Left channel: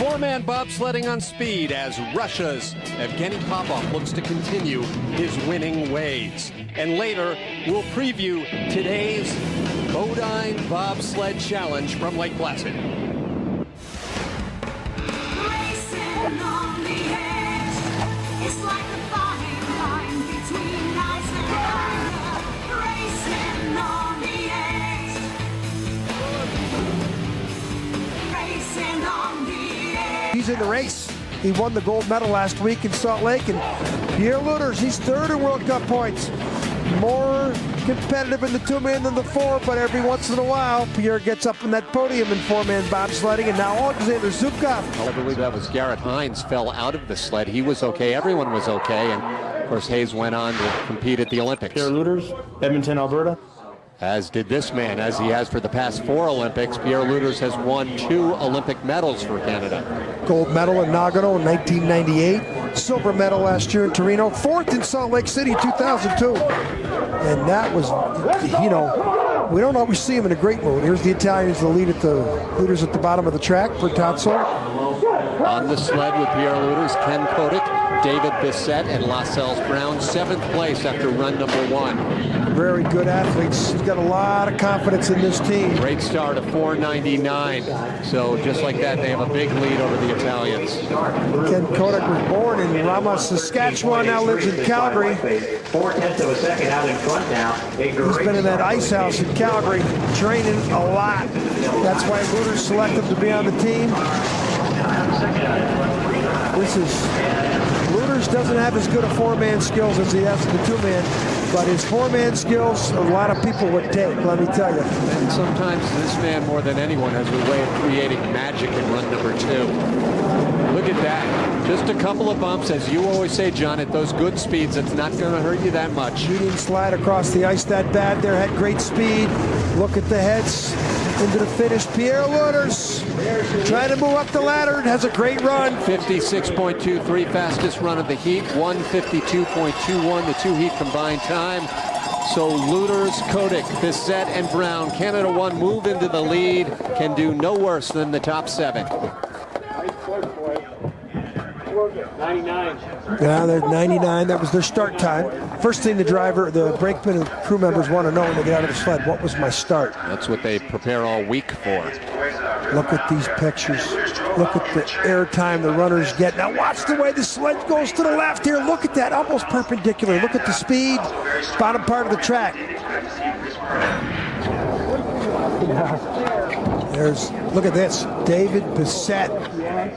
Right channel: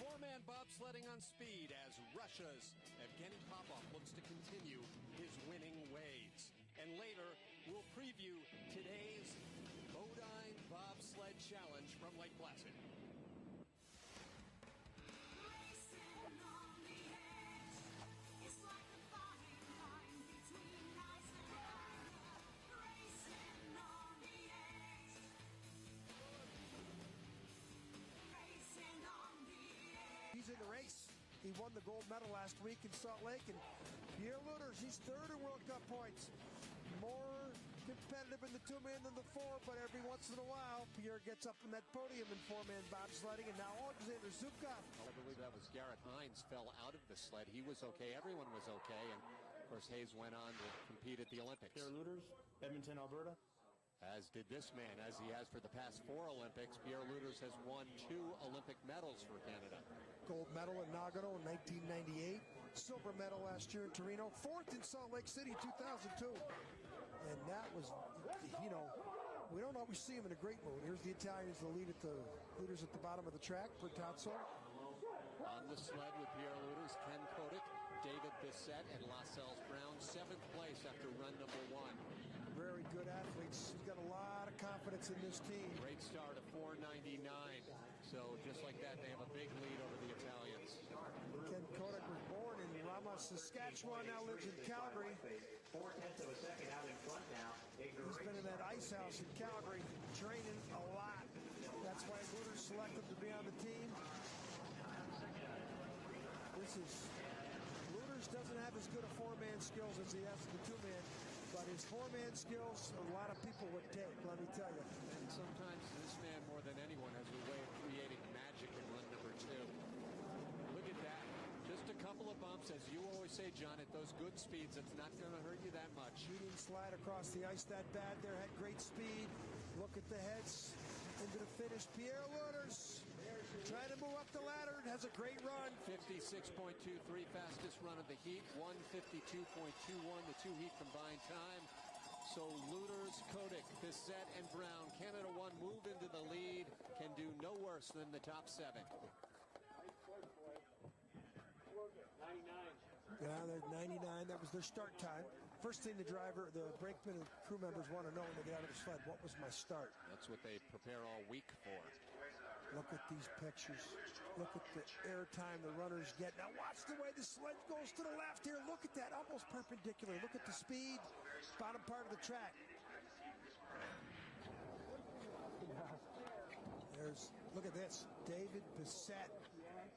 Four-man bobsledding on speed as Russia's Evgeny Popov looks to continue his winning ways. And later, we'll preview today's Bodine Bobsled Challenge from Lake Placid. Racing on the edge, it's like a fine line between ice and fire. Racing on the edge, racing on the edge. He's in the race. He won the gold medal last week in Salt Lake, and Pierre Lueders, he's third in World Cup points. More competitive in the two-man than the four, but every once in a while, Pierre gets up in that podium in four-man bobsledding, and now Alexander Zubkov. I believe that was Garrett Hines fell out of the sled. He was okay. Everyone was okay. And, of course, Hayes went on to compete at the Olympics. Pierre Lueders, Edmonton, Alberta. As did this man, as he has for the past 4 Olympics. Pierre Lueders has won 2 Olympic medals for Canada. Gold medal in Nagano in 1998, silver medal last year in Torino, 4th in Salt Lake City 2002. And that was, you know, we don't always see him in a great mood. Here's the Italians, the leaders at the bottom of the track, Bertazzo. On the sled with Pierre Lueders, Ken Kotyk, David Bisset, and Lascelles Brown, 7th place after run number 1. Very good athletes. He's got a lot of confidence in this team. Great start of 4:99. So just like that, they have a big lead over the Italians. Ken Kotyk was born in Rama, Saskatchewan, now lives in Calgary. 0.4 of a second out in front now. He's been in that ice house in Calgary, training a lot. That's why Lueders selected him to be on the team. Lueders doesn't have as good a four-man skills as he has in the two-man, but his four-man skills, a lot of people would take, let me tell you. And sometimes this man, more than anyone, has a way of creating magic in run number 2. Look at that. Just a couple of bumps, as you always say, John, at those good speeds, it's not going to hurt you that much. He didn't slide across the ice that bad there, had great speed. Look at the heads into the finish. Pierre Lueders trying to move up the ladder, has a great run. 56.23, fastest run of the heat, 152.21, the 2 heat combined time. So Lueders, Kotyk, Bisset, and Brown, Canada 1 move into the lead, can do no worse than the top 7. 99. Yeah, they're 99. That was their start time. First thing the brakeman and crew members want to know when they get out of the sled, what was my start? That's what they prepare all week for. Look at these pictures. Look at the air time the runners get. Now watch the way the sled goes to the left here. Look at that, almost perpendicular. Look at the speed, bottom part of the track. Look at this, David Bisset.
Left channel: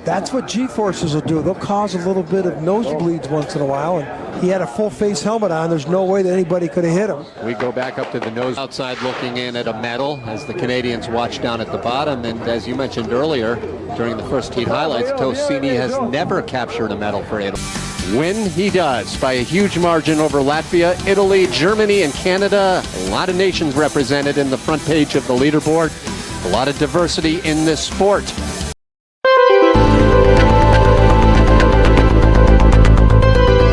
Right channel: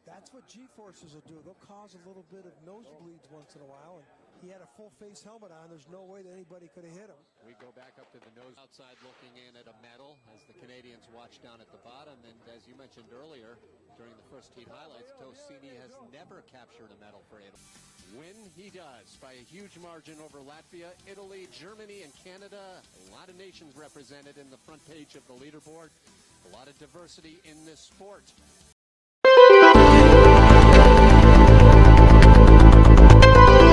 That's what G-forces will do. They'll cause a little bit of nosebleeds once in a while, and he had a full face helmet on. There's no way that anybody could have hit him. We go back up to the nose outside looking in at a medal as the Canadians watch down at the bottom. And as you mentioned earlier, during the first heat highlights, Tosini has never captured a medal for Italy. When he does, by a huge margin over Latvia, Italy, Germany, and Canada. A lot of nations represented in the front page of the leaderboard. A lot of diversity in this sport.